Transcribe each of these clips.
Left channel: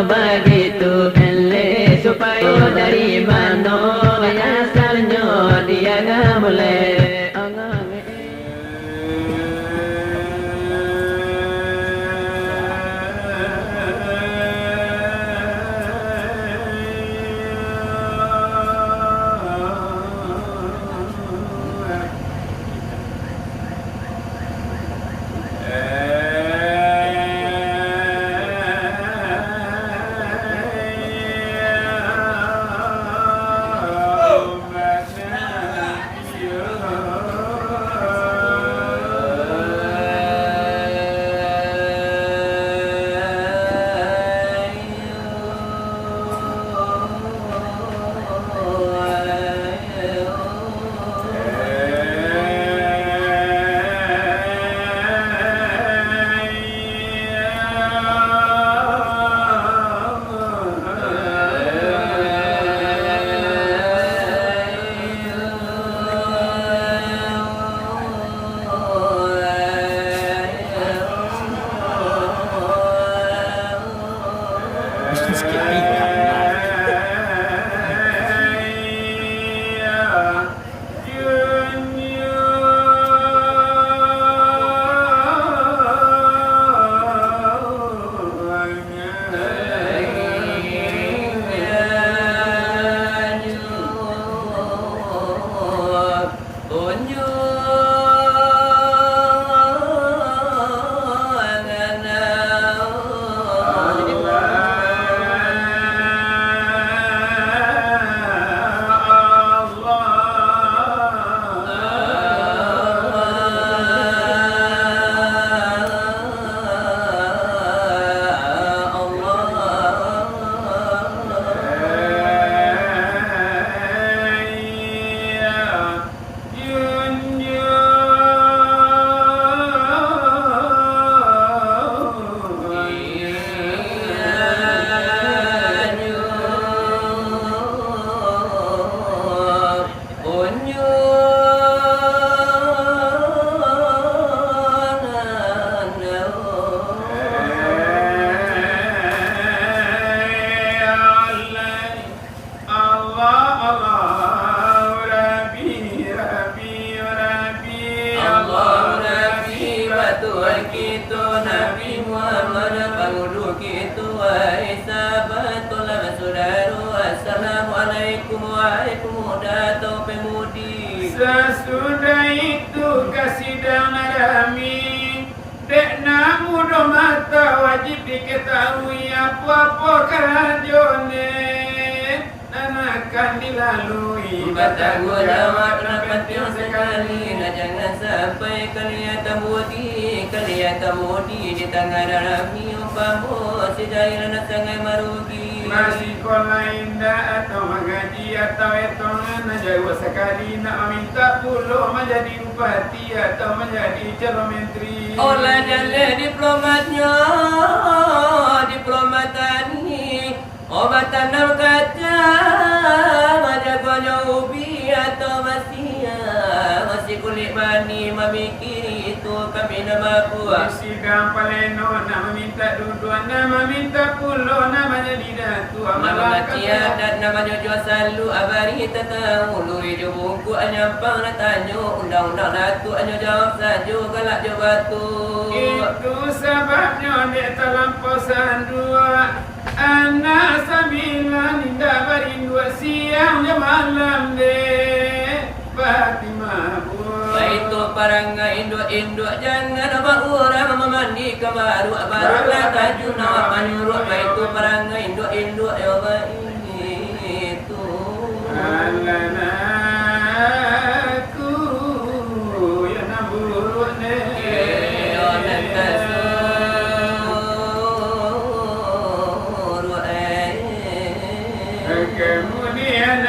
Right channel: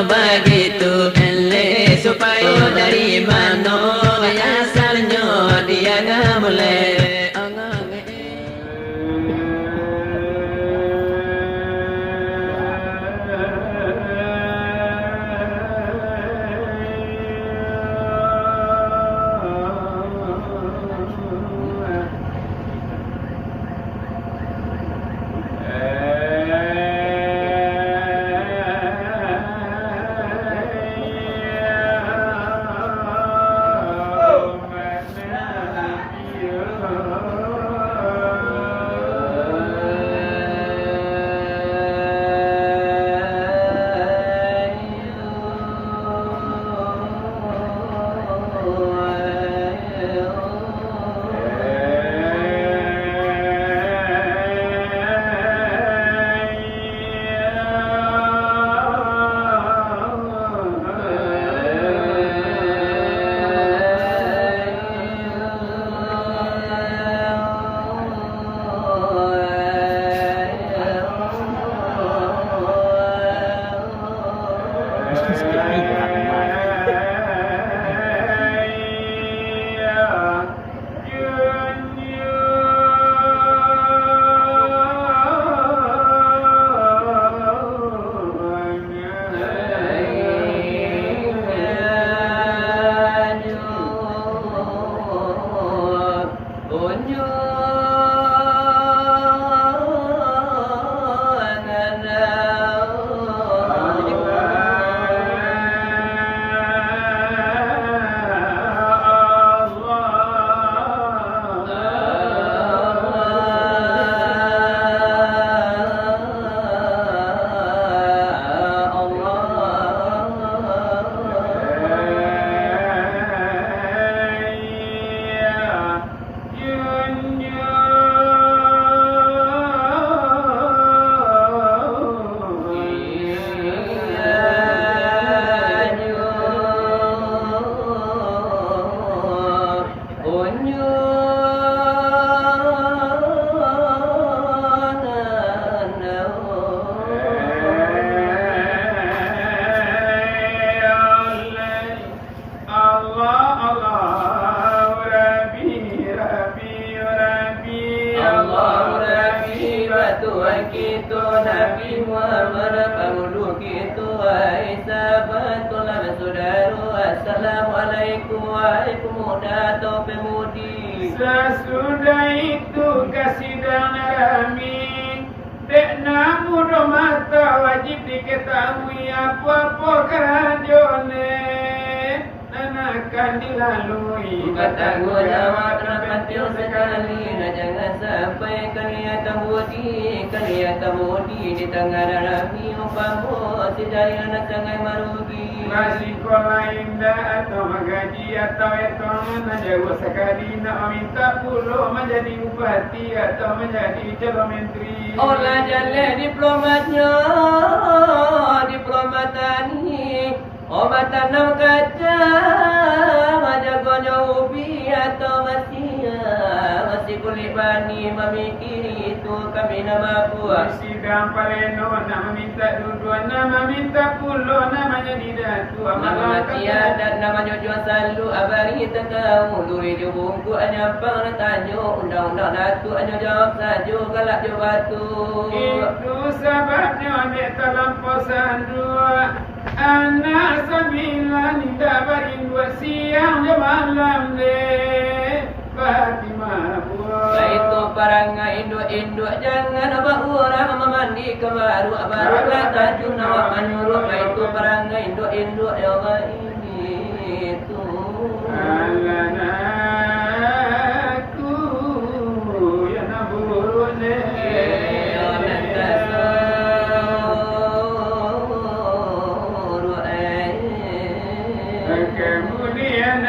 begitu supaya dari mana asalnya dia nggak mulai. Sesudah itu kasih dan kami dek namu do mata wajib diketahui apa-apa kerajone dan akan dilalui. Batang guna makna penting sekali. Nah jangan sampai kelihatan budi di tengah darami umpamu sejaya nak sangat merugi. Masih sekolah indah atau mengaji atau etongan jauh sekali nak meminta puluh menjadi bupati atau menjadi calon menteri. Olah jalan diplomat tani obat tanam kacang jagonya ubi atau masih kulit bani memikiri itu kami nama puas. Sidang paleno nama minta dua nama minta pulo namanya didatu Nama mati adat nama jojo selalu abari tahu luri jo bungku anyampang tanyo undang-undang datu anyo jawab sajo galak jo batu. Itu sebabnya dek terlampau sandua anak sembilan indah berindu siang dan malam dek Fatimah buah. Itu parangai induk-induk jangan abang orang mama mandi kemaru barulah tajun awak menyuruh. Itu parangai induk-induk ya Allah itu. Anakku ya nabur ne. Kemudian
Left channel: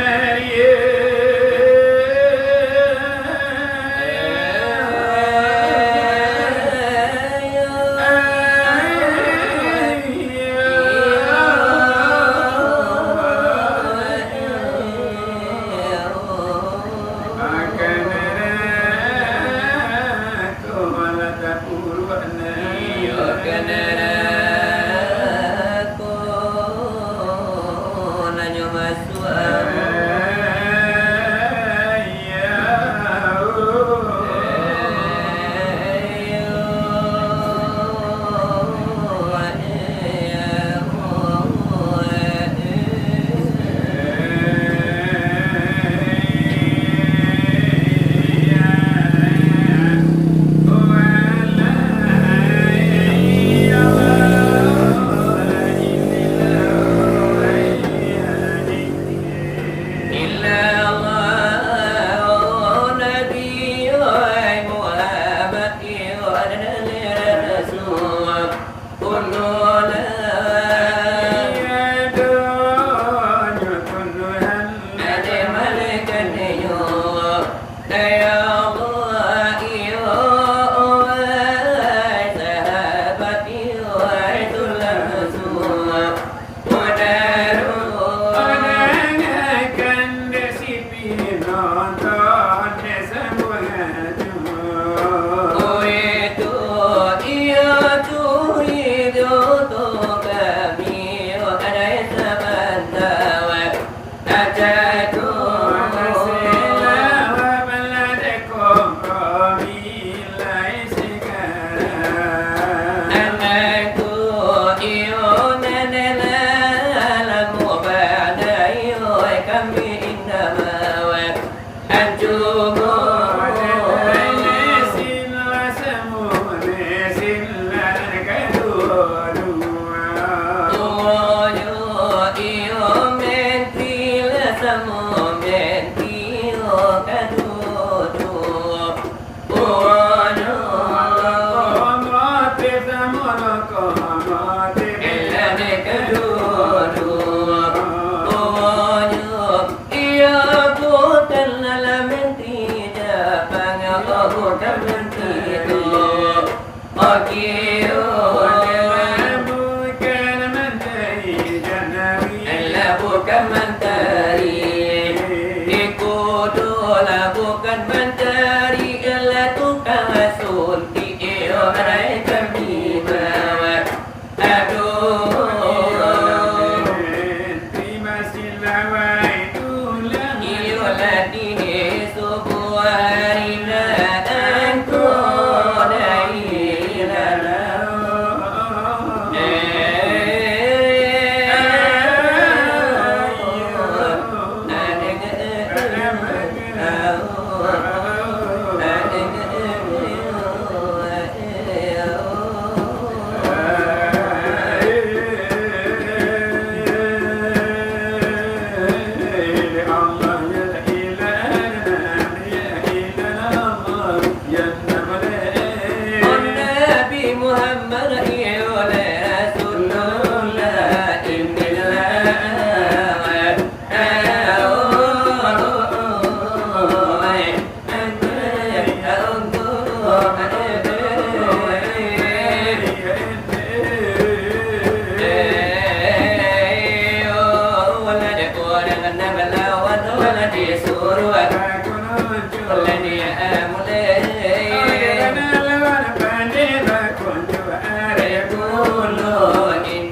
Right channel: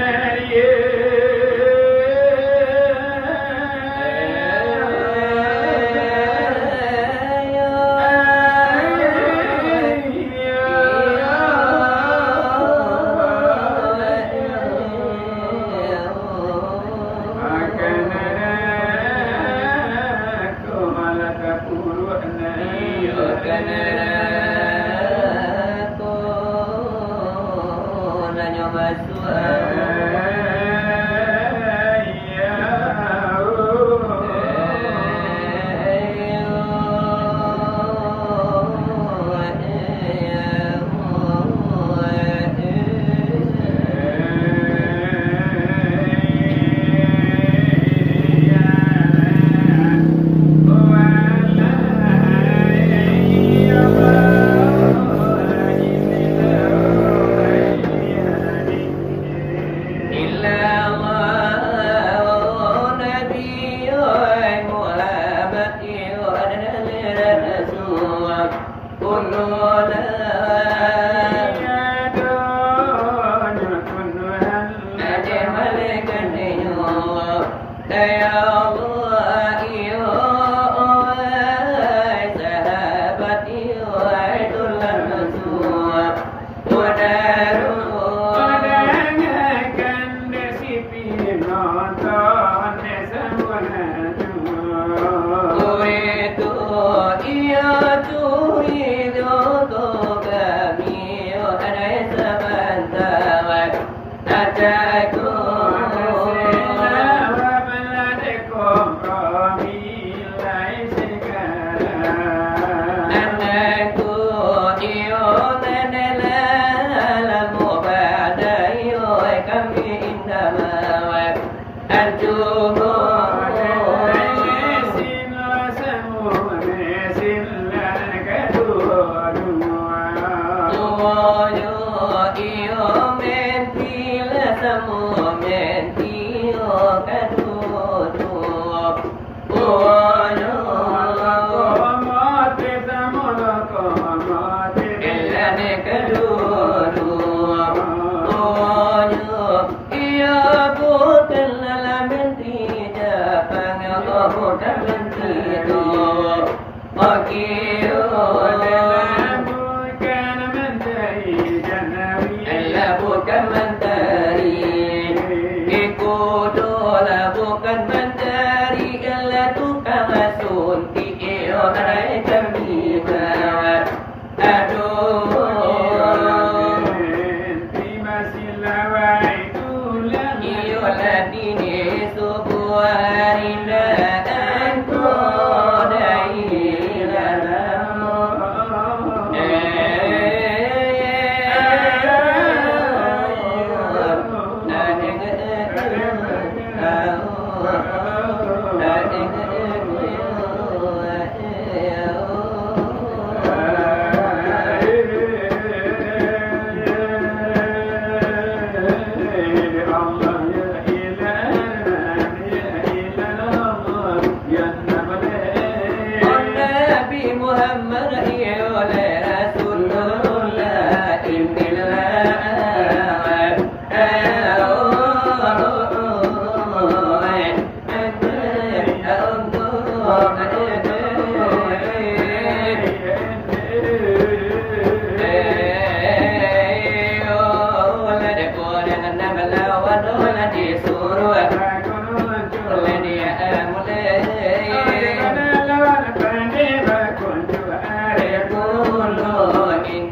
mulai dia mulai lawan pandai bakun juara Rekulu ini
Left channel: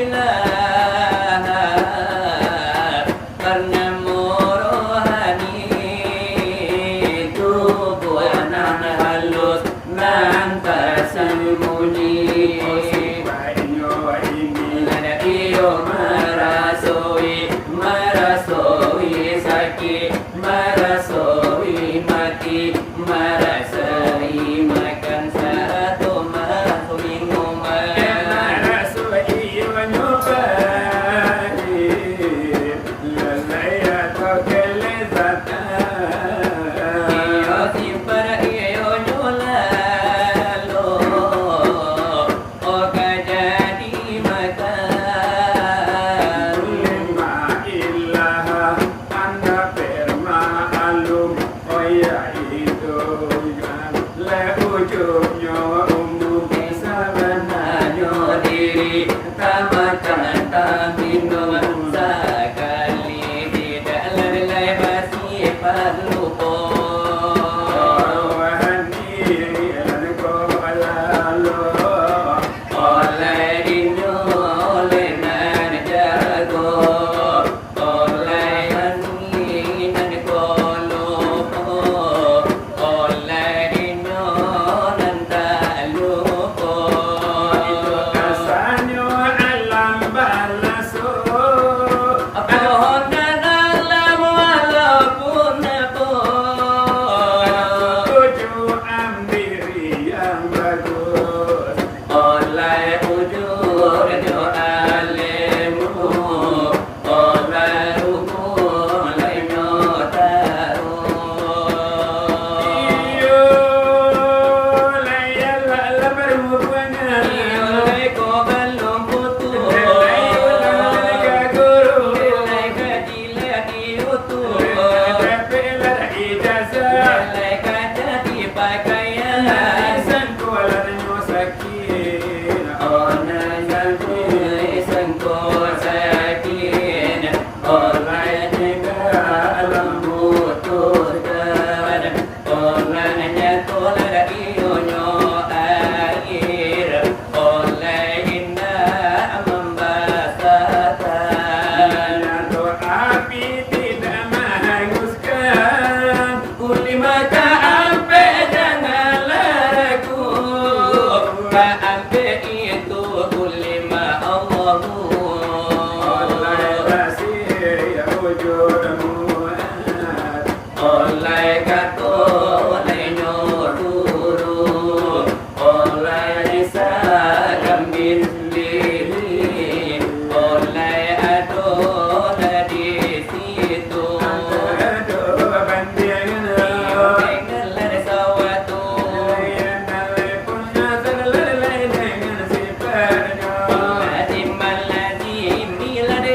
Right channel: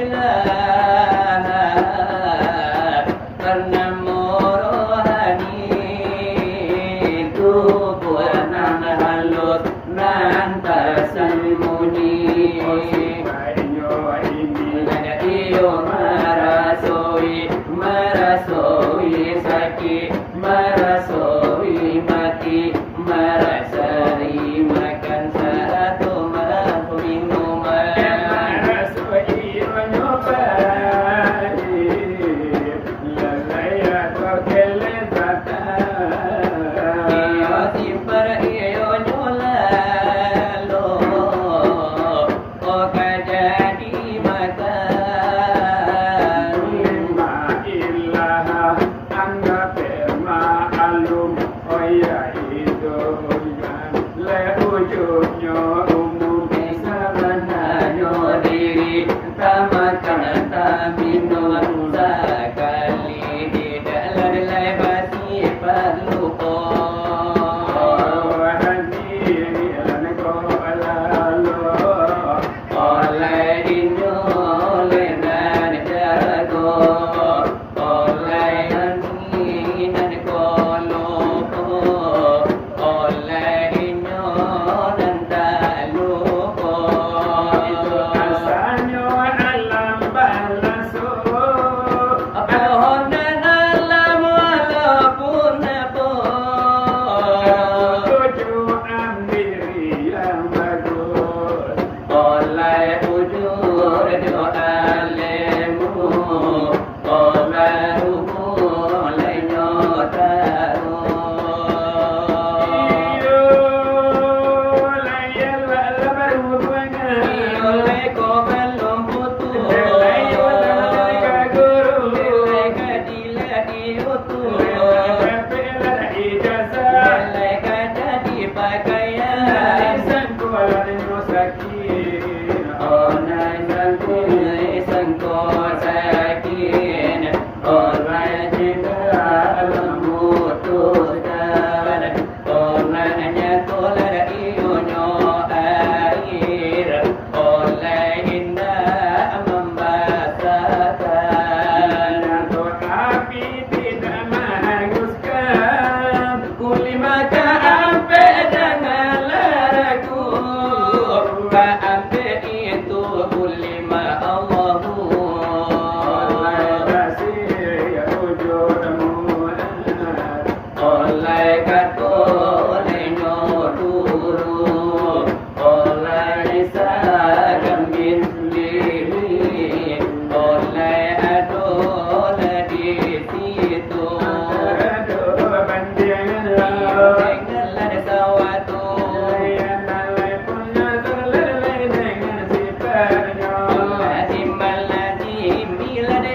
Ilaha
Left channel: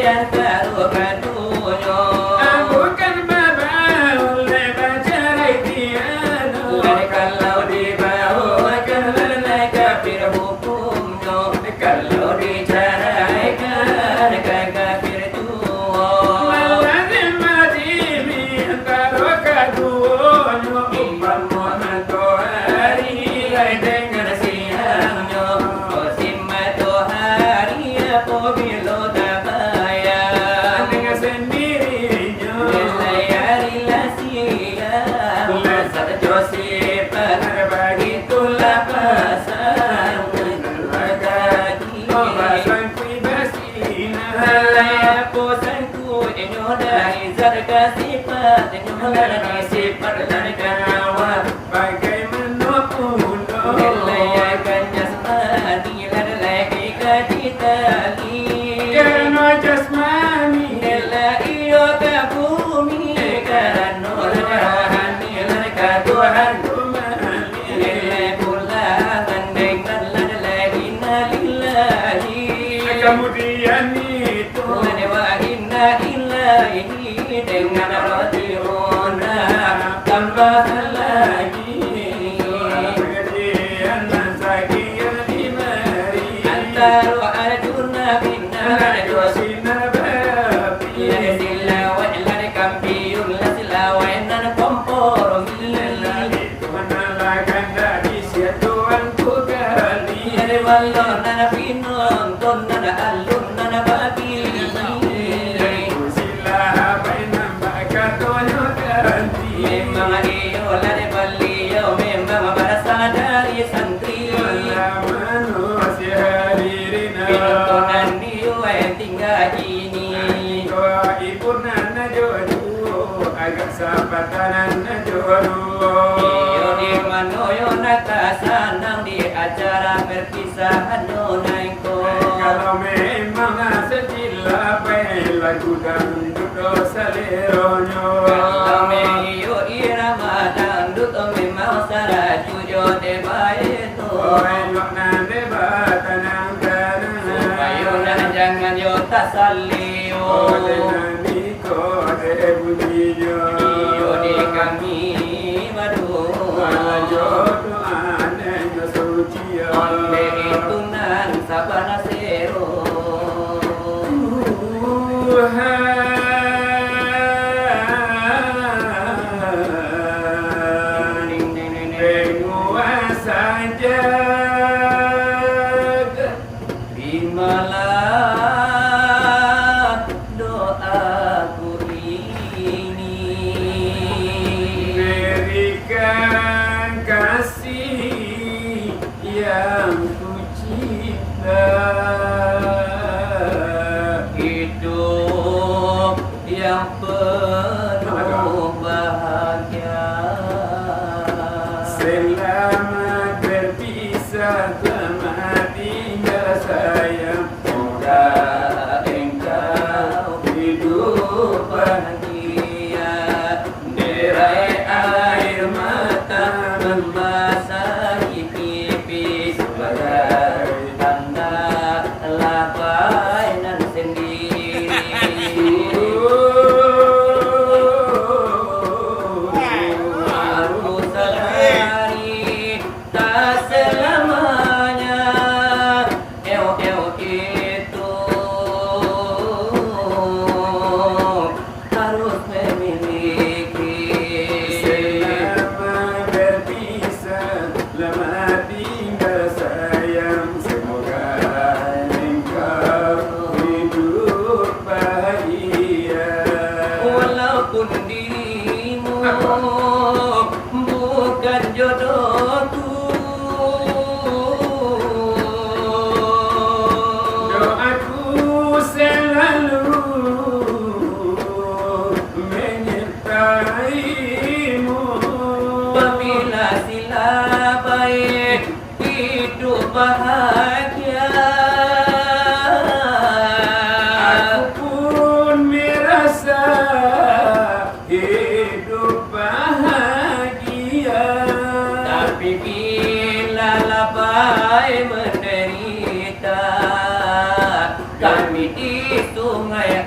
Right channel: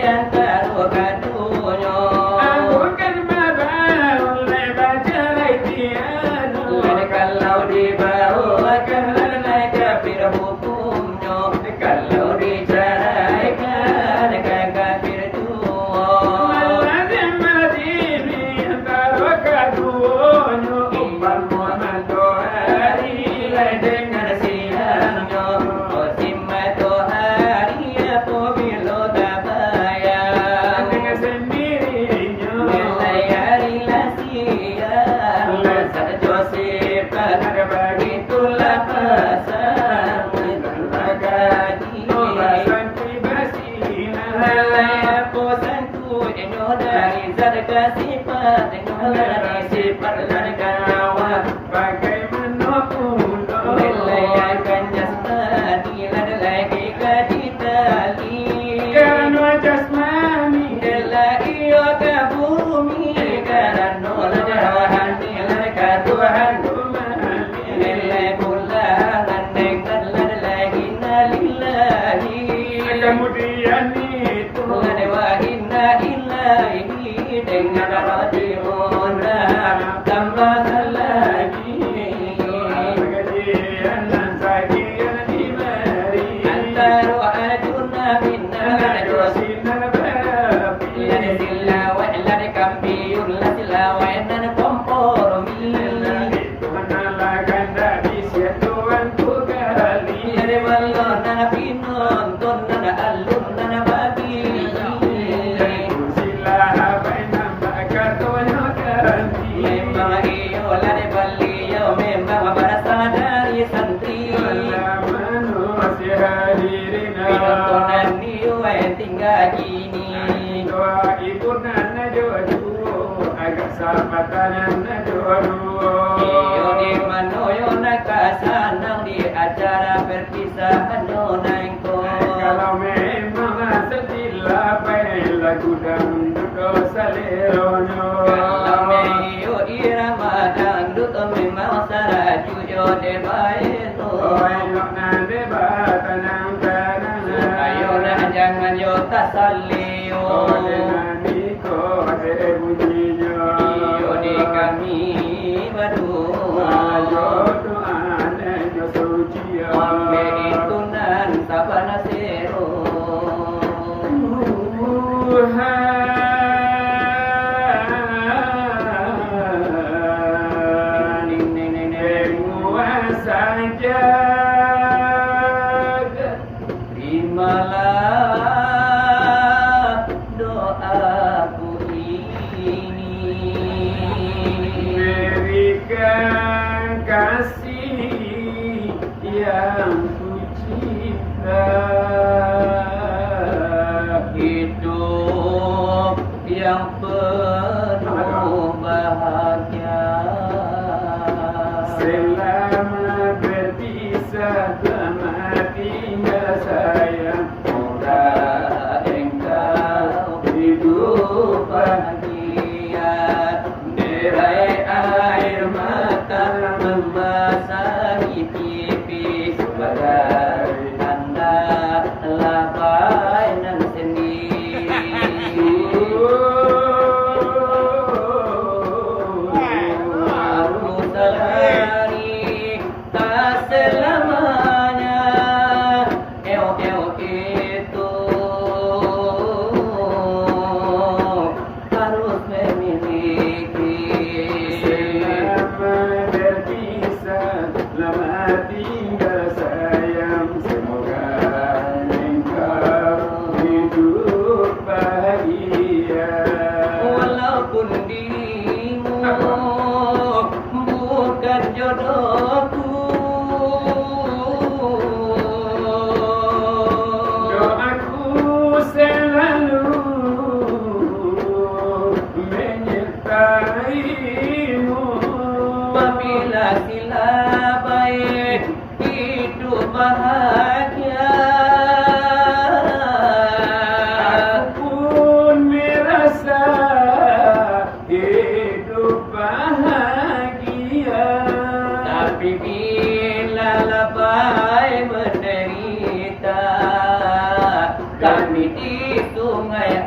yang karu-karunya. Bukan babal lebar cerai tiada. Lada kalau dibawakan lalai kafir hukumnya. Kalau diceraikan kan kafir tua. Malazim mati antara keduanya. Imam Muhammad Tohari dengan siangnya. Osim Tohari apabila tak bayar. Dengan sendirinya. Nilai hari siang. Masa Josephat begitulah pasang lagi. Pasang pribadi. Nilai posanku enyo dari zat kasifat enyo ladani sifat ladakan nyawa. Bagaimanapun Nilai akan jasmani ladalai kekaditali. karena jasmani Nilai iyo ke bumi karena lada rohani ladaka Tuhan. Nilai pulangan dengan ladalai innalillahi. kemudian itu Lada wa inna ilaihi dengan roji'un tambah lagi. kemudian sakia dimari Antaru arjuna binna lada sinar berapi lada silawa lada kampiyun lada silawa nan kompromi. itu menalakan dari siatuan ku kali Lada balon nana pinon ton nana alun nana bagi. sila bainam bakatonya ganti Memang iyo lada baliyo memang berasal dari santri. manusia hadirina Pinontonan niyo ay tinggal gini. doa ibu nana jodoh agak sapatanan jodoh Iyo di manoyo nakasanang di acara perpisahan nonangko. kalau memang sejila baik lagu dangdut dosa leronyo Kalau meyo irama dangdut memang saraju yo de baeto. enak nande batanang tanang Ayo nah jangan yo tasalio. nani ko de bunyinya Iyo di kami waduh. jodoh aneh suci Onde itu nan sabana sero. Ding ding ding ding. Terimalah doaku ini. Berikan kasih yang ku cinta Hidup yang penuh bahagia. Selamat berpisah selamat tinggal sayang Semoga engkau hidup bahagia. Derai air mata membasahi pipi sebagai tanda lapainan sendiri.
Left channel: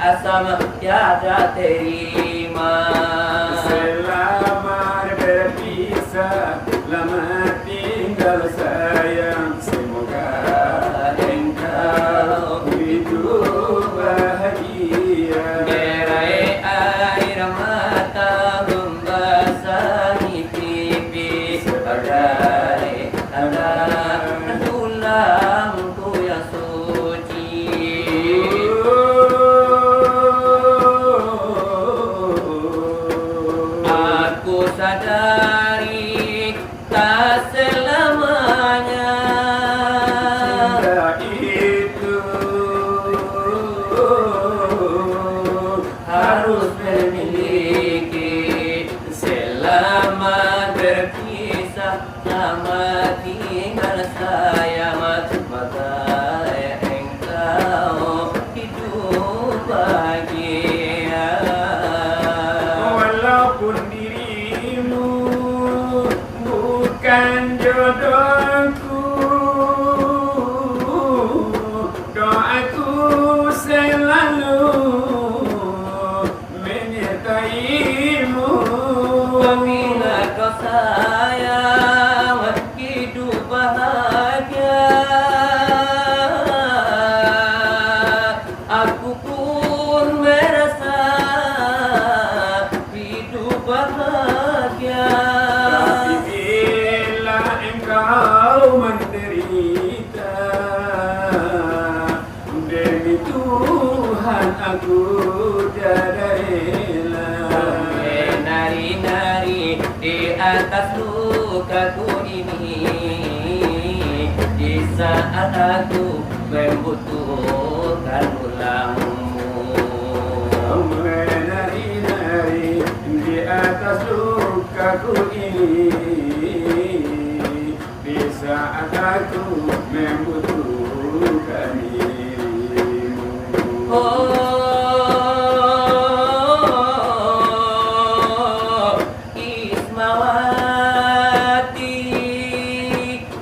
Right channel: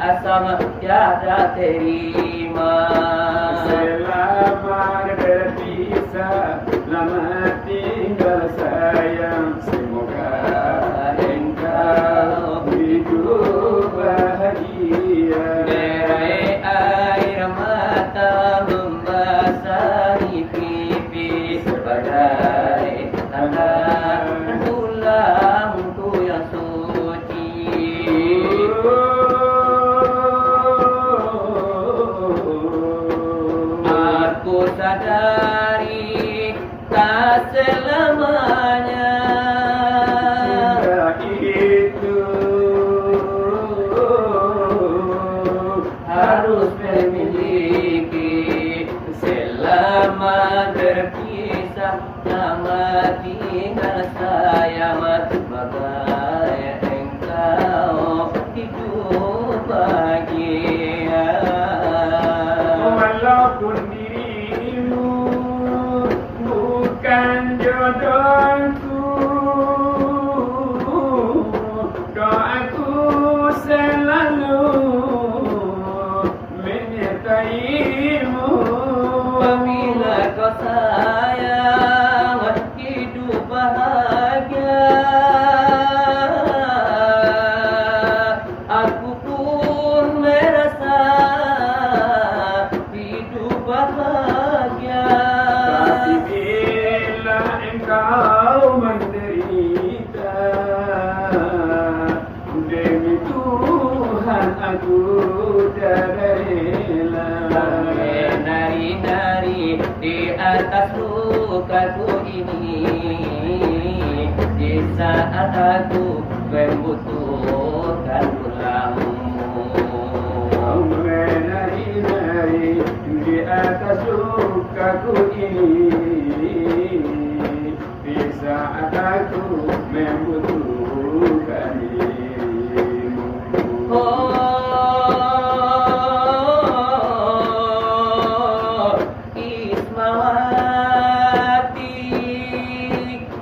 asam tiada terima. Selamat berpisah, lama tinggal sayang. Semoga engkau hidup bahagia. Derai air mata membasahi pipi bagai tanda tulangku yang suci. Aku sadari tak selamanya Itu harus memiliki. Selamat berpisah, selamat tinggal sayang. Semoga engkau hidup bahagia. walaupun dirimu bukan jodohku, doaku selalu menyertaimu. Apabila kau sayang, hidup bahagia. Aku pun merasa hidup bahagia. Tapi bila engkau menderita, demi Tuhan aku tiada rela. Menari-nari di atas lukaku ini, di saat aku membutuhkan tulangmu. Menari-nari di atas lukaku ini, di saat aku membutuhkan dirimu. Oh, Ismawati,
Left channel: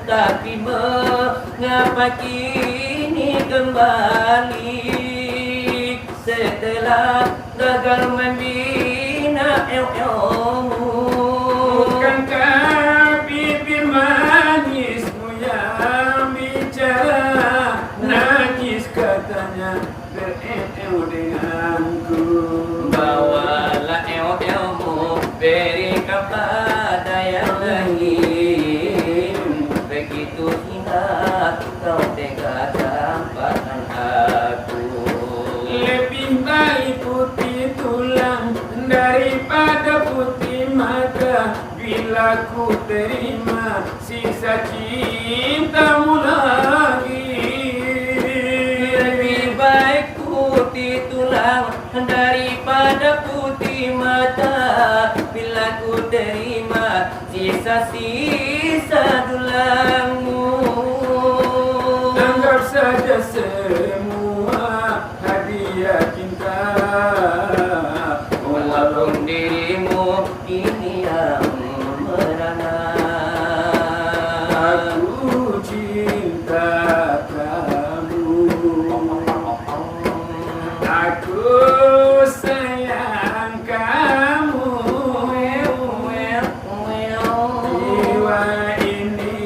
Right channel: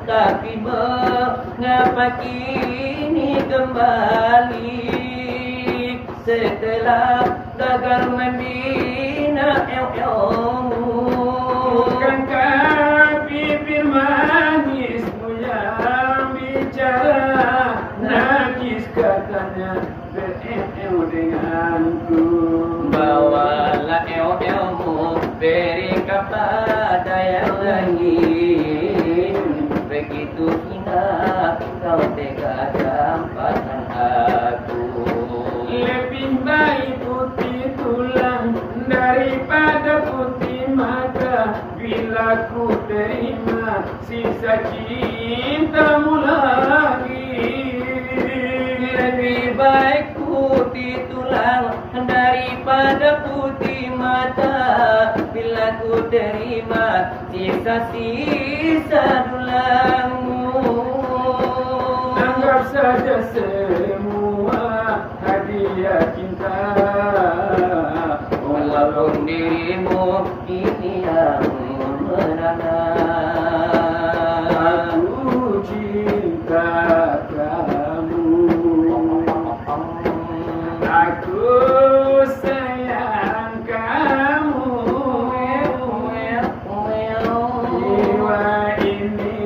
tapi mengapa kini kembali setelah gagal membina Bukankah bibir manismu yang bicara, nangis katanya bereu denganku. Bawalah eo-eomu, beri kepada yang lain. Begitu hingga kau tega campakkan aku. Lebih baik putih tulang daripada putih mata. Bila ku terima sisa cintamu lagi. Lebih baik putih tulang daripada putih mata. Bila ku terima sisa-sisa tulangmu. Anggap saja semua hadiah cinta. Walaupun dirimu ini yang merana. Aku cinta kamu, aku sayang kamu. Jiwa ini,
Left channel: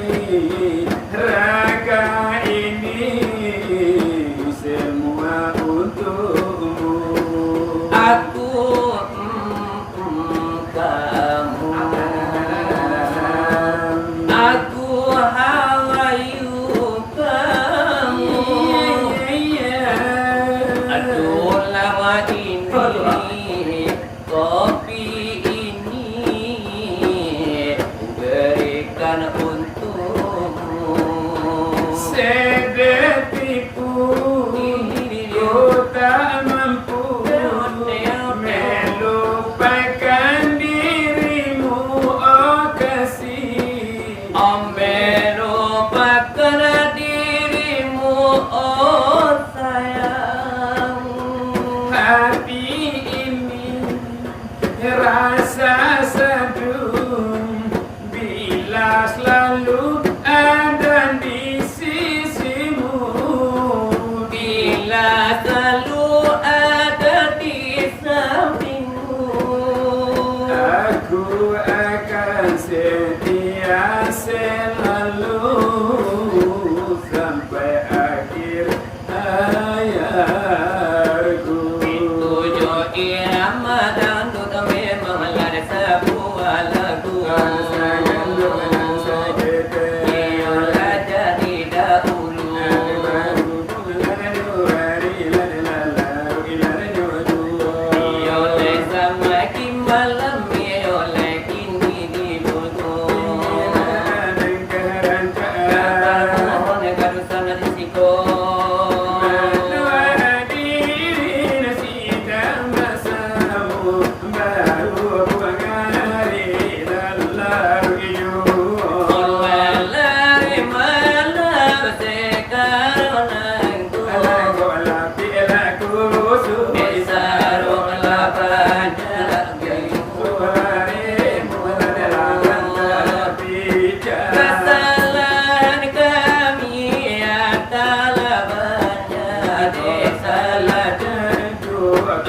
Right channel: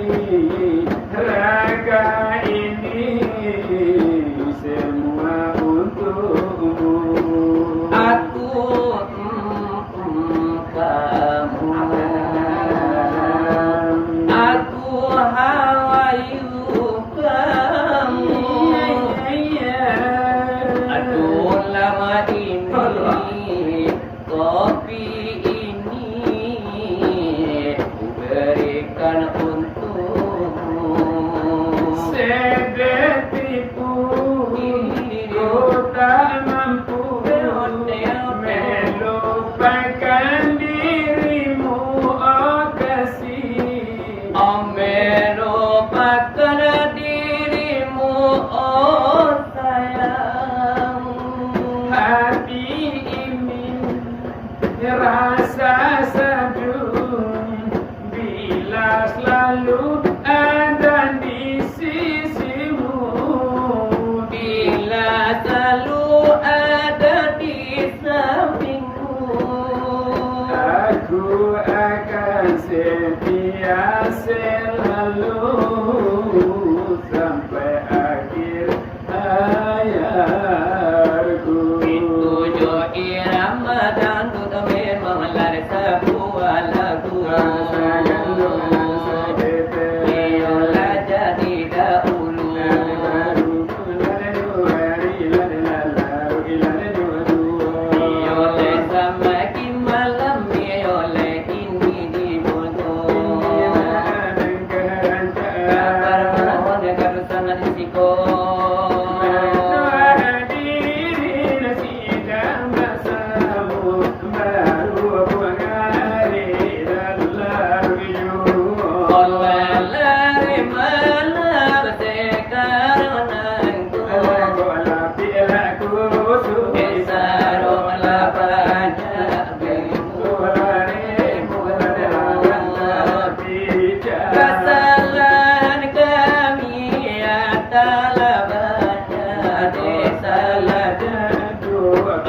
raga ini, semua untukmu. Aku kamu. Aku hawayu kamu. Aduh lama ini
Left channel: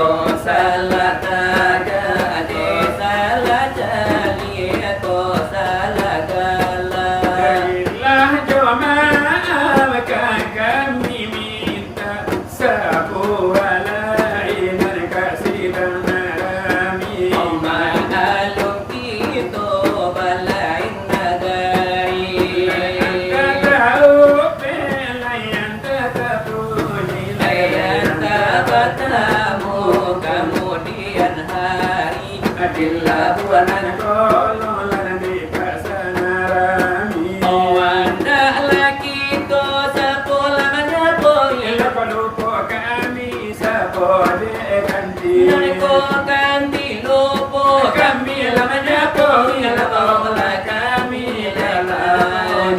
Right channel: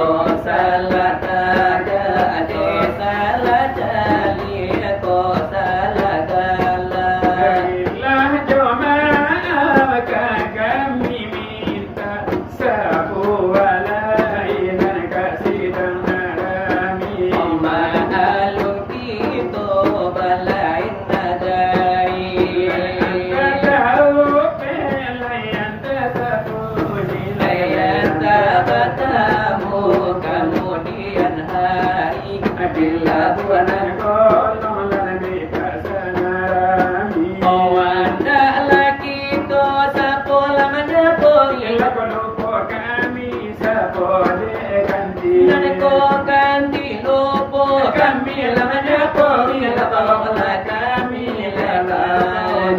to salah taga ade salah jali to salah gala. Baiklah jemaah kami minta sabu walainan kasih dan kami. Ma'alum kita balain nagari. Layan tak bertemu kemudian hari. Bila buanan wanda laki to sapola menyapoi. Naniko ganti lupo kami la menyapoi. La bawa kami lekan.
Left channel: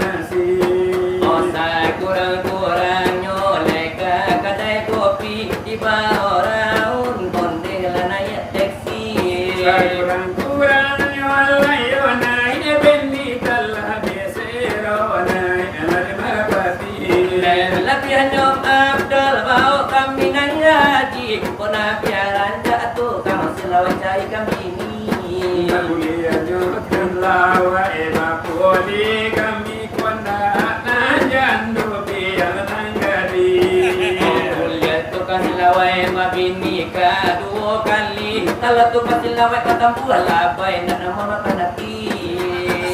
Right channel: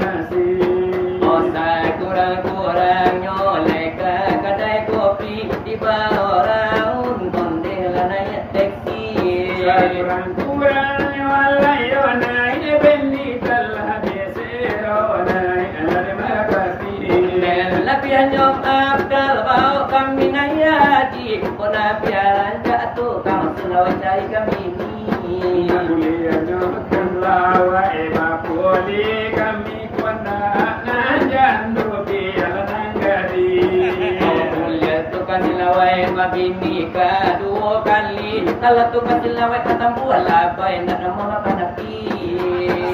Osa kurang-kurang nyolek ke kedai kopi di bawah raun bondel naik taksi. Lapian nyom abdal bau kami nayaji. Pona biaran jatuh kang silau cai kami ni. Silawai mabini ka dua kali. Kalau tu silawai katampu alabai nak nama makan api.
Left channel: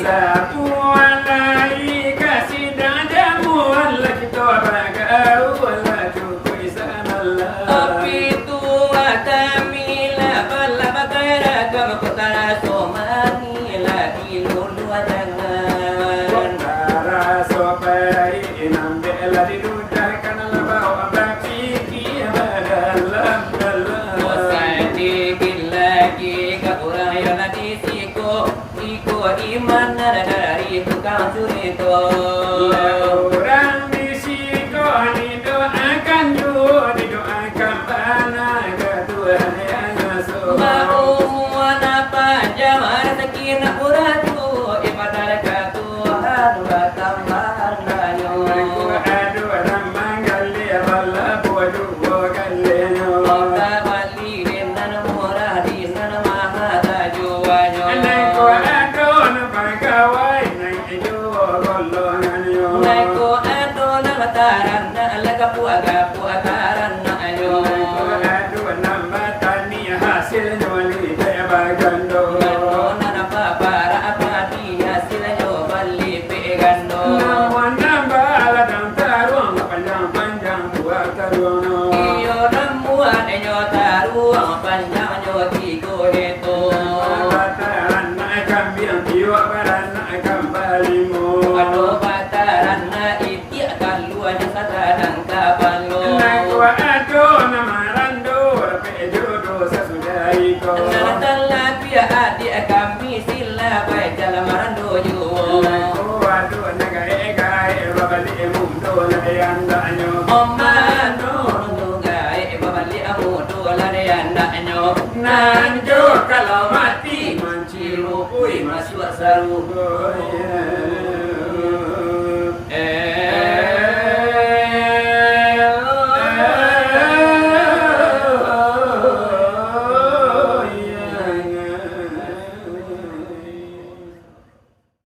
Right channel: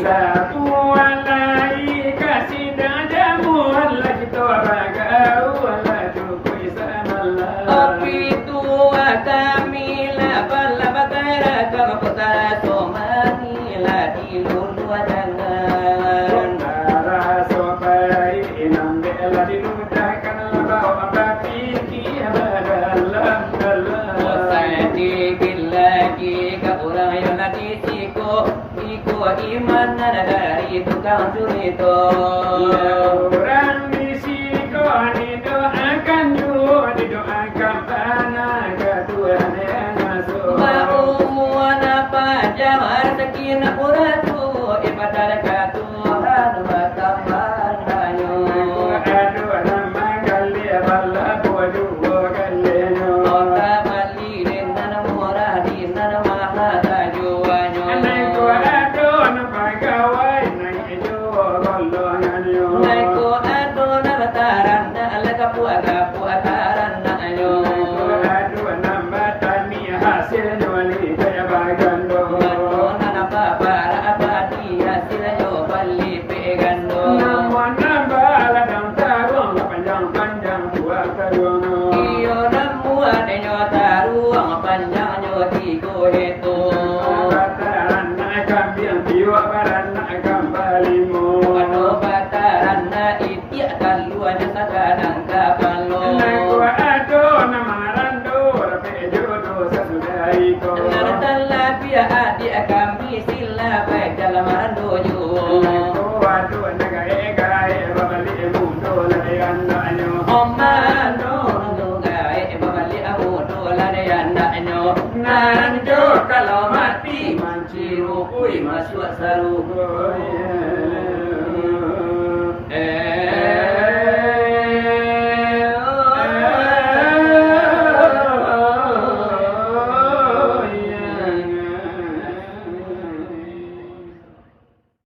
Satu alai kasih dan jamuan lagi tua bagau ala cukup sanalla. Api tua kami la bala bagara kama kotara somani lagi lulu jangan. Tara sopai inam bela di dudah kana labaw abaki badalam dalam. Osai digil lagi ka orang yang lagi siko iman dari tukang curi to. Orang di siko ani doakan dua didoakan tanah ke Tuhan yang asuh. Mau muan apa jamar sekina uratu ibadah ka Tuhan wa tambanyo. Aduh orang manggali bala bodu bogaleno. Ota bali dinan murah dinan maha tajuanyo. Naiko adon pagawai naiko golongan yo. Naiko adon mataran na alagapu agapu ataran na anyo. Aduh nambah tani hasil nyoli kaya bagando. Manona na para apati hasilnya bali pegando. Namun nambah ladang tarung panjang-panjang buat tarung. Iyo namu adenyo taruang panjang nyo tigo